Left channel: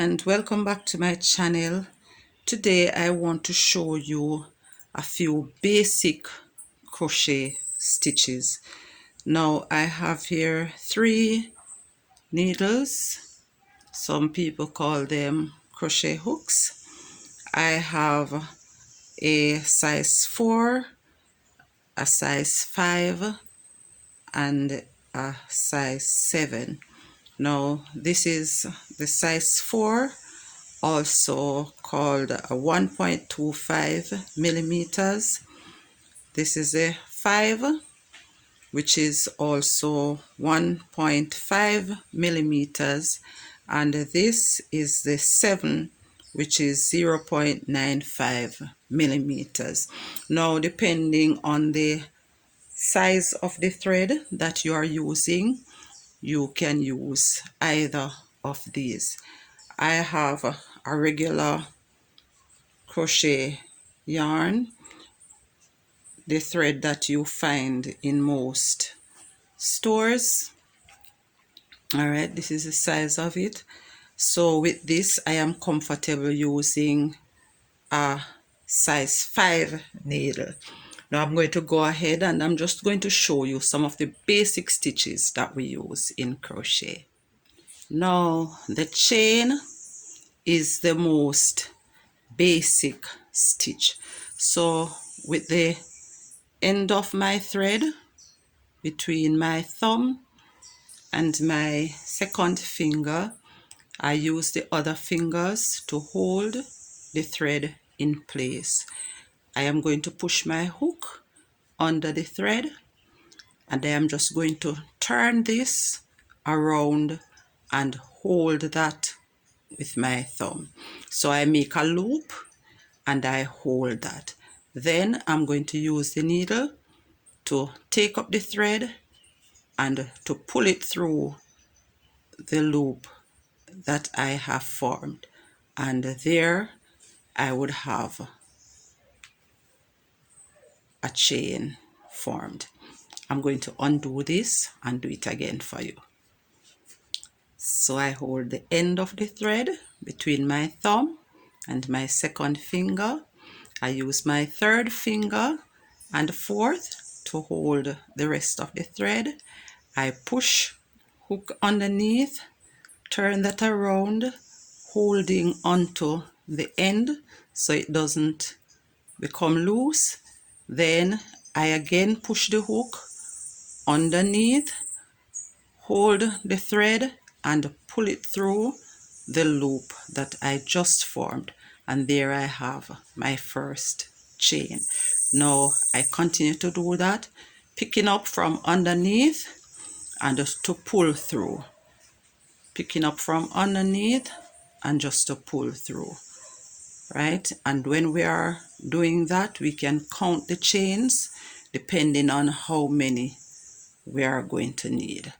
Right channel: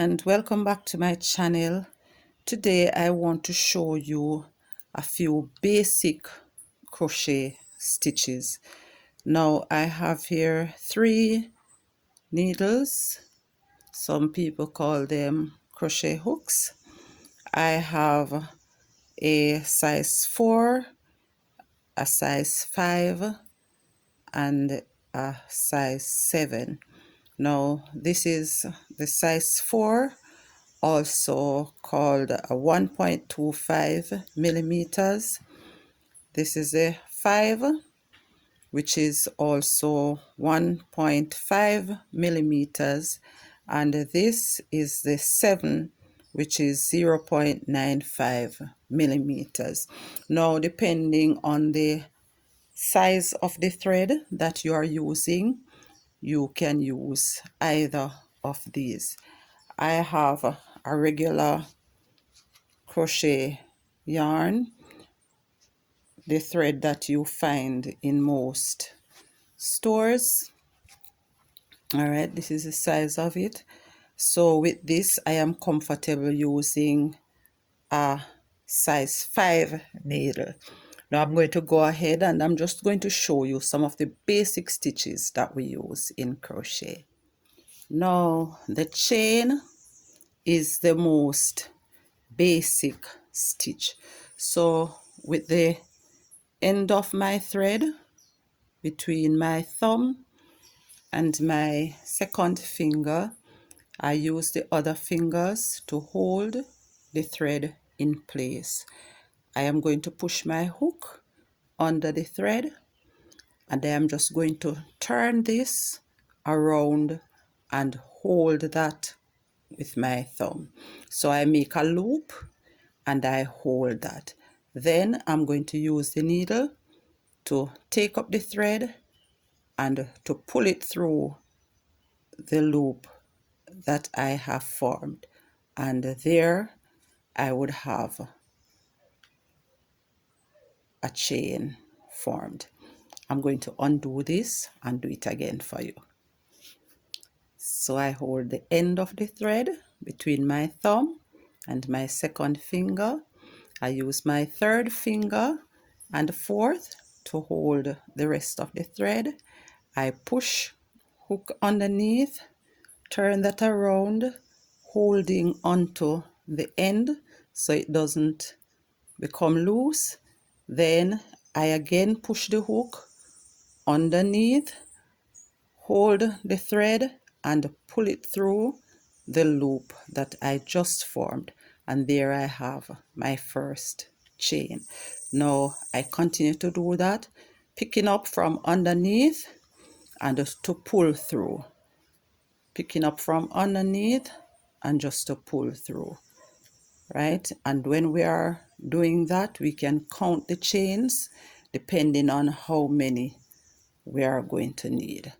and welcome back to my channel. Today I want to show you a few basic crochet stitches. Now I have here 3 needles. Some people call them crochet hooks. I have a size 4, a size 5 and a size 7. Now this is the size 4, also called a 1.25 millimeters. This is a 5, which is also 1.5 millimeters, and this is the 7, which is 0.95 millimeters. Now, depending on the size of the thread that you are using, you can use either of these. I have a regular crochet yarn, the thread that you find in most stores. All right, this is the size of it. So with this, I am comfortable using a size 5 needle. Now I'm going to go ahead and I'm just going to show you some of the basic stitches that we use in crochet. Now the chain is the most basic stitch. So with the end of my thread between my thumb and my second finger, I use the other fingers to hold the thread in place. I am going to push my hook under the thread, and I am just going to turn this around and hold that with my thumb. So I make a loop and I hold that. Then I'm going to use the needle to take up the thread and to pull it through the loop that I have formed, and there I would have a chain formed. I'm going to undo this and do it again for you. So I hold the end of the thread between my thumb and my second finger. I use my third finger and fourth to hold the rest of the thread. I push hook underneath, turn that around, holding onto the end so it doesn't become loose. Then I again push the hook underneath, hold the thread and pull it through the loop that I just formed, and there I have my first chain. Now I continue to do that, picking up from underneath and just to pull through, picking up from underneath and just to pull through, right? And when we are doing that, we can count the chains depending on how many we are going to need.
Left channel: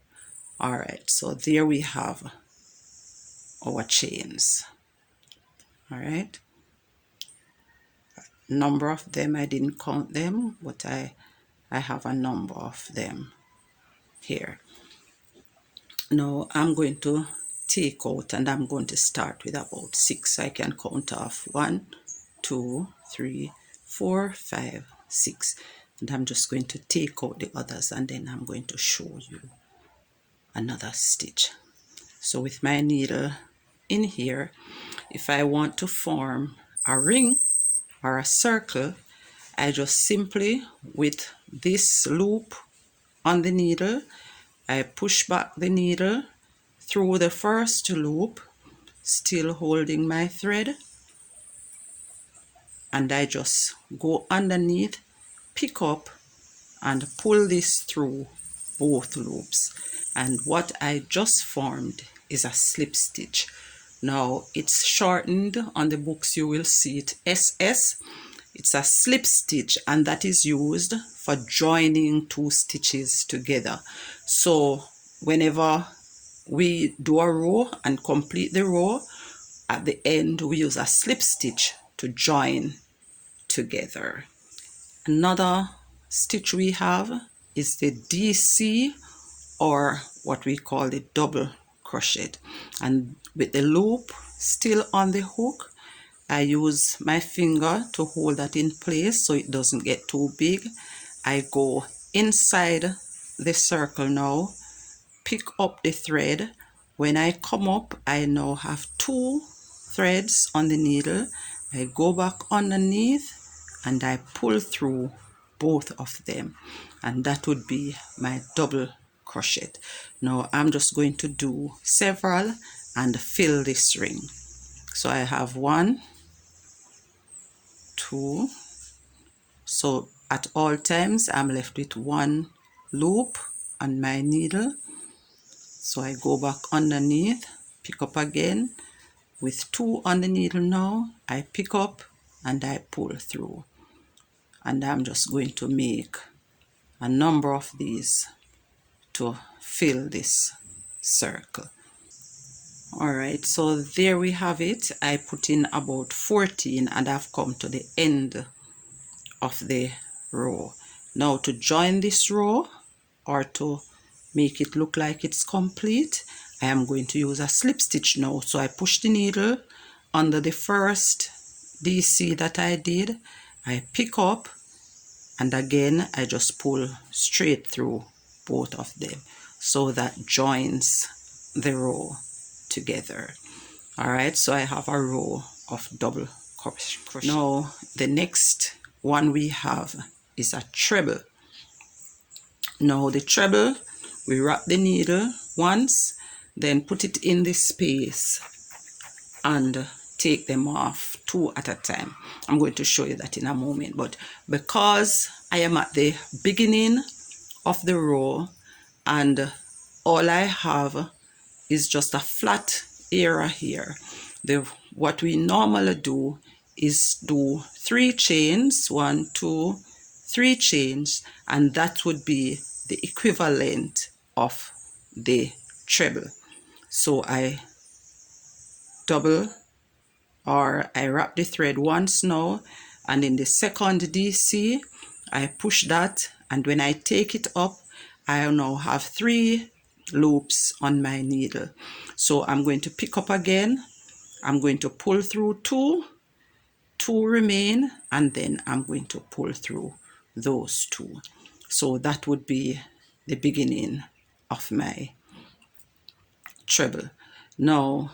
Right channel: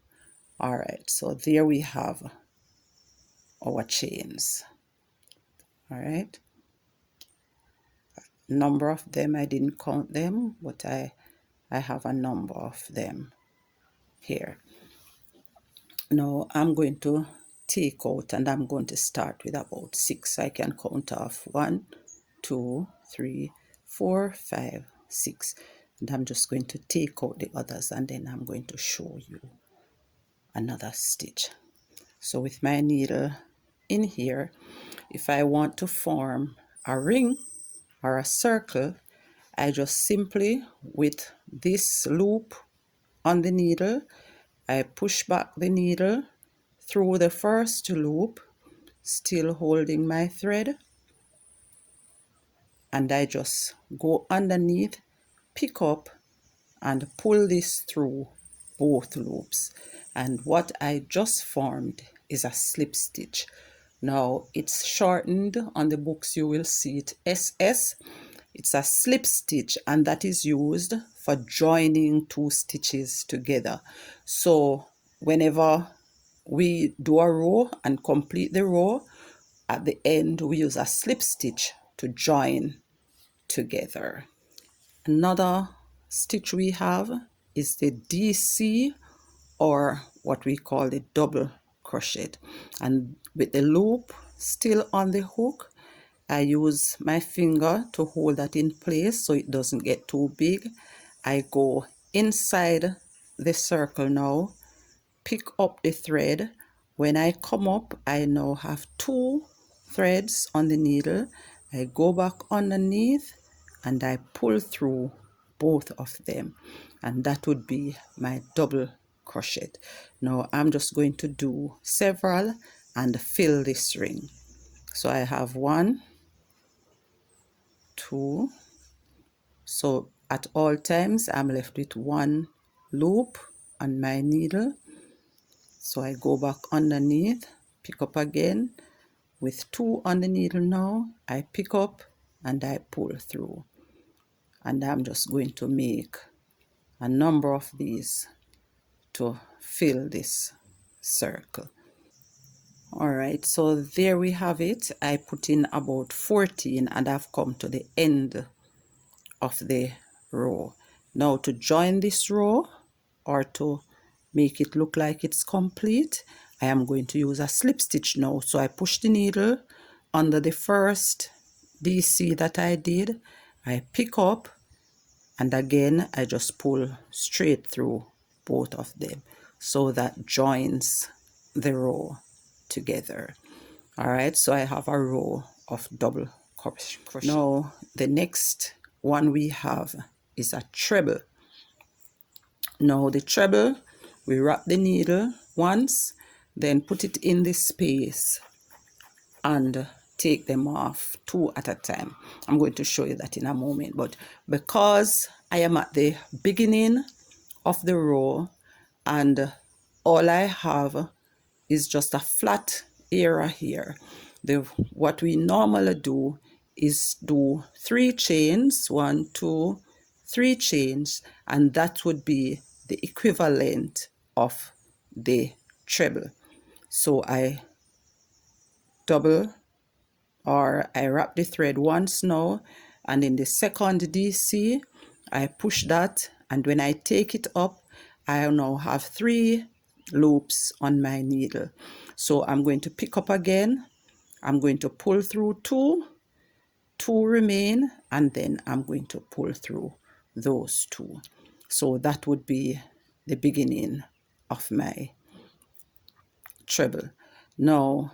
All right, so there we have our chains. All right, number of them, I didn't count them, but I have a number of them here. Now I'm going to take out and I'm going to start with about 6. I can count off 1, 2, 3, 4, 5, 6, and I'm just going to take out the others and then I'm going to show you another stitch. So with my needle in here, if I want to form a ring or a circle, I just simply, with this loop on the needle, I push back the needle through the first loop, still holding my thread, and I just go underneath, pick up and pull this through both loops, and what I just formed is a slip stitch. Now it's shortened on the books, you will see it SS. It's a slip stitch, and that is used for joining 2 stitches together. So whenever we do a row and complete the row, at the end we use a slip stitch to join together. Another stitch we have is the DC, or what we call the double crochet, and with the loop still on the hook, I use my finger to hold that in place so it doesn't get too big. I go inside the circle now, pick up the thread. When I come up, I now have 2 threads on the needle. I go back underneath and I pull through both of them, and that would be my double crochet. Now I'm just going to do several and fill this ring. So I have 1, 2, so at all times I'm left with 1 loop on my needle. So I go back underneath, pick up again with 2 on the needle. Now I pick up and I pull through, and I'm just going to make a number of these to fill this circle. Alright, so there we have it. I put in about 14 and I've come to the end of the row. Now to join this row, or to make it look like it's complete, I am going to use a slip stitch now. So I push the needle under the first DC that I did, I pick up, and again I just pull straight through both of them, so that joins the row together. Alright, so I have a row of double crochet. Now the next one we have is a treble. Now the treble, we wrap the needle once, then put it in the space and take them off 2 at a time. I'm going to show you that in a moment, but because I am at the beginning of the row and all I have is just a flat area here, what we normally do is do 3 chains, 1, 2, 3 chains, and that would be the equivalent of the treble. So I double, or I wrap the thread once now, and in the second DC I push that, and when I take it up I now have 3 loops on my needle. So I'm going to pick up again, I'm going to pull through 2 remain, and then I'm going to pull through those 2. So that would be the beginning of my treble. Now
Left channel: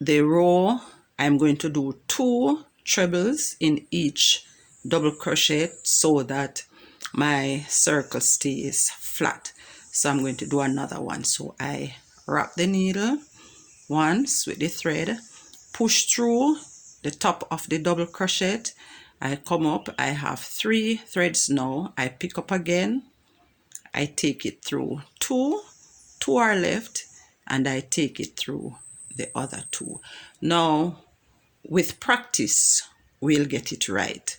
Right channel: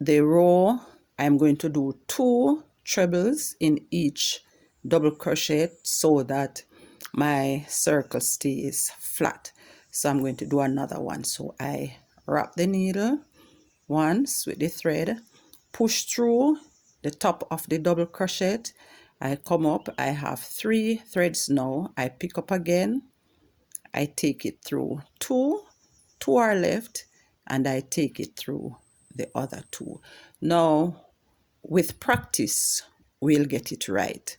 the row, I'm going to do 2 trebles in each double crochet so that my circle stays flat. So I'm going to do another one. So I wrap the needle once with the thread, push through the top of the double crochet, I come up, I have 3 threads now, I pick up again, I take it through 2 are left, and I take it through the other 2. Now with practice we'll get it right.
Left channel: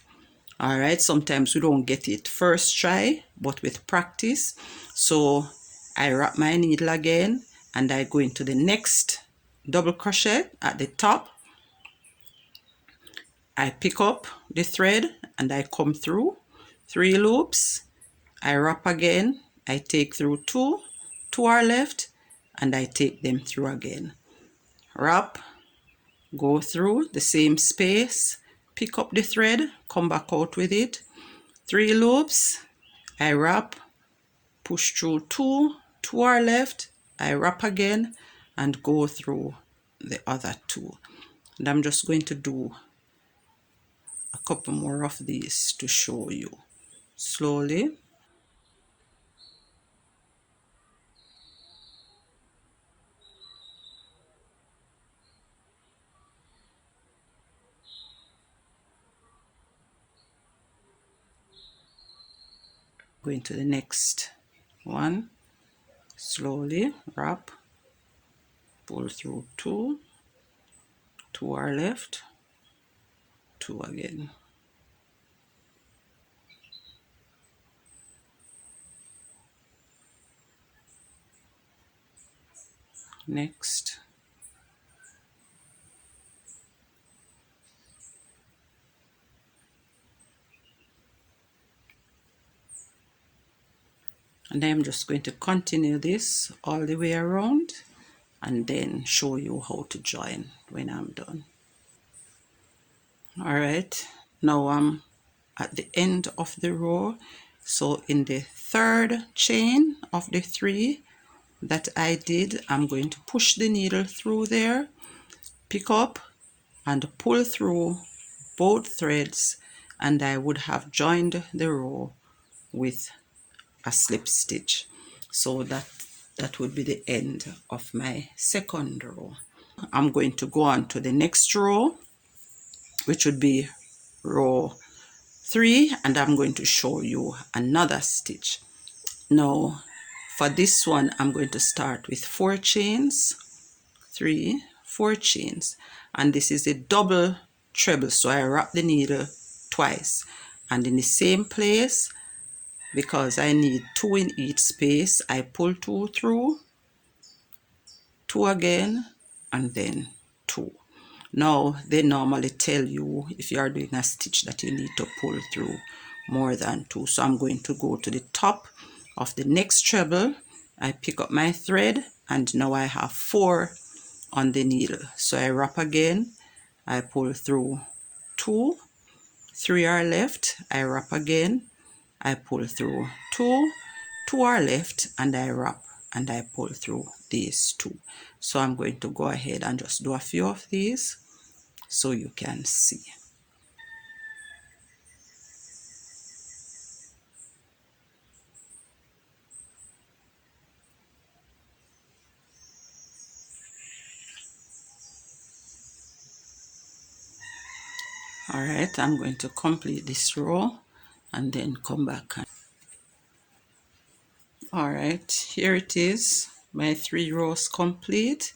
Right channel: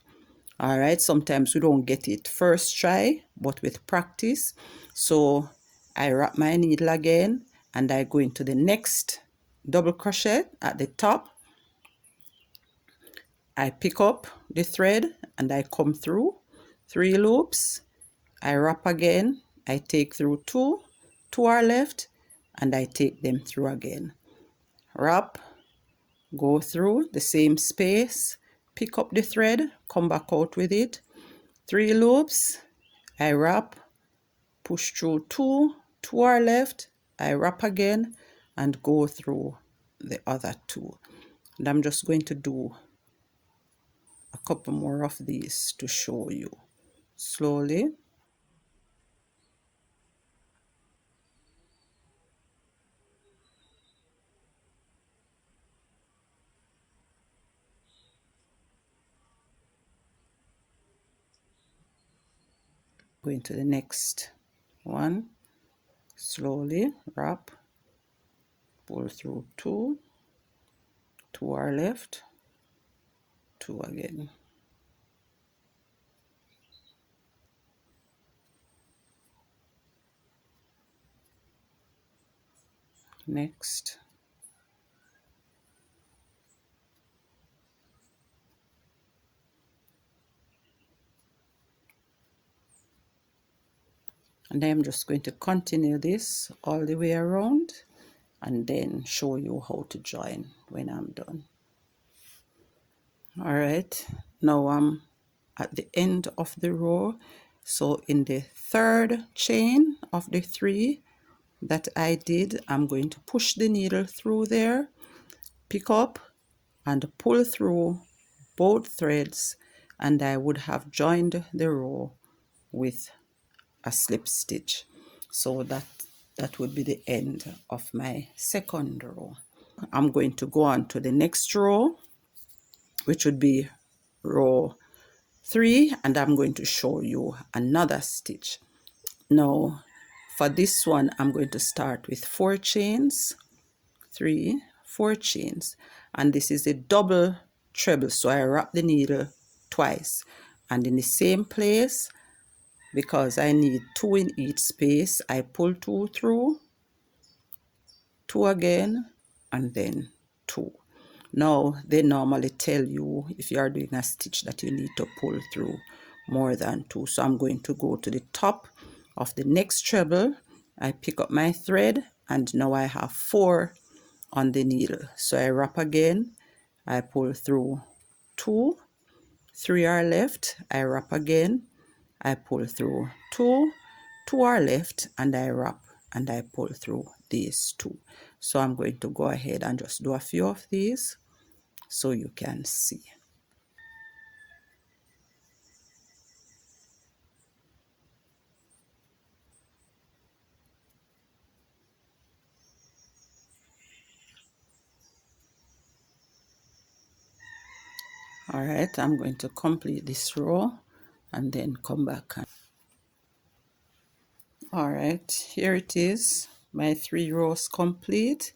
All right, sometimes we don't get it first try, but with practice. So I wrap my needle again and I go into the next double crochet at the top, I pick up the thread and I come through 3 loops, I wrap again, I take through 2 are left, and I take them through again, wrap, go through the same space, pick up the thread, come back out with it, 3 loops, I wrap, push through 2 are left, I wrap again and go through the other 2. And I'm just going to do a couple more of these to show you slowly. Going to the next one, slowly wrap, pull through 2 are left, 2 again. Next, and I'm just going to continue this all the way around and then show you how to join when I'm done. All right, now I'm at the end of the row. So in the third chain of the 3 that I did, I'm going to push the needle through there, pick up and pull through both threads, and I would have joined the row with a slip stitch. So that would be the end of my second row. I'm going to go on to the next row, which would be row 3, and I'm going to show you another stitch. Now for this one, I'm going to start with 4 chains, 3, 4 chains, and this is a double treble, so I wrap the needle twice, and in the same place, because I need 2 in each space, I pull 2 through, 2 again, and then 2. Now they normally tell you if you are doing a stitch that you need to pull through more than 2. So I'm going to go to the top of the next treble, I pick up my thread, and now I have 4 on the needle. So I wrap again, I pull through 2, 3 are left, I wrap again, I pull through 2, 2 are left, and I wrap and I pull through these 2. So I'm going to go ahead and just do a few of these so you can see. All right, I'm going to complete this row and then come back. All right, here it is, my 3 rows complete.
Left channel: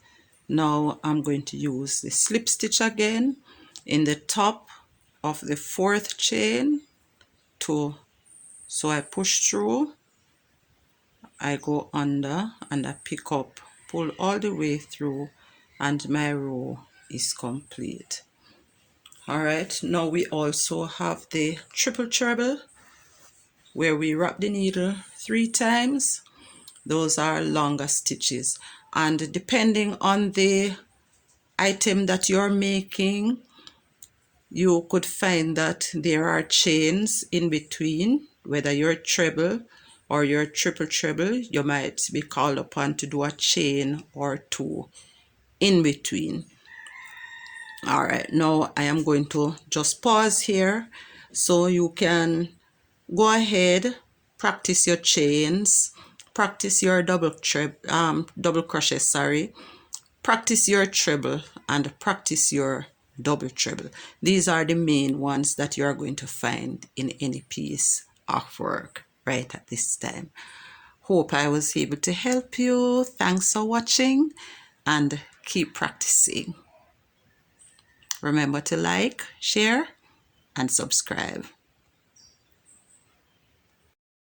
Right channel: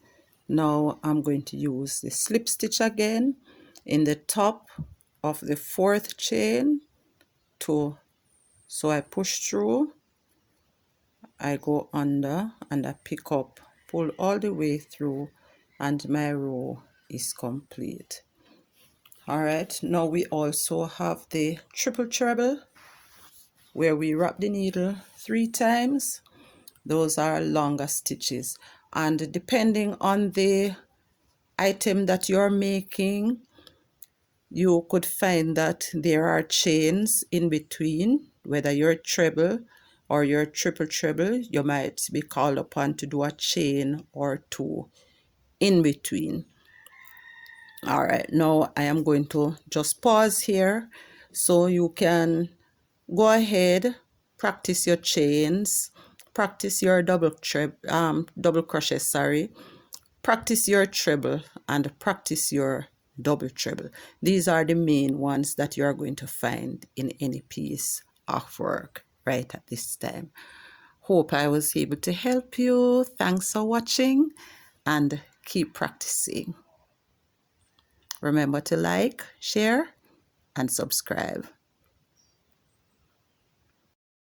Now I'm going to use the slip stitch again in the top of the 4th chain so I push through, I go under, and I pick up, pull all the way through, and my row is complete. All right, now we also have the triple treble where we wrap the needle 3 times. Those are longer stitches, and depending on the item that you're making, you could find that there are chains in between. Whether you're treble or you're triple treble, you might be called upon to do a chain or 2 in between. All right, now I am going to just pause here so you can go ahead, practice your chains, practice your double crochet, sorry, practice your treble, and practice your double treble. These are the main ones that you are going to find in any piece of work right at this time. Hope I was able to help you. Thanks for watching, and keep practicing. Remember to like, share, and subscribe.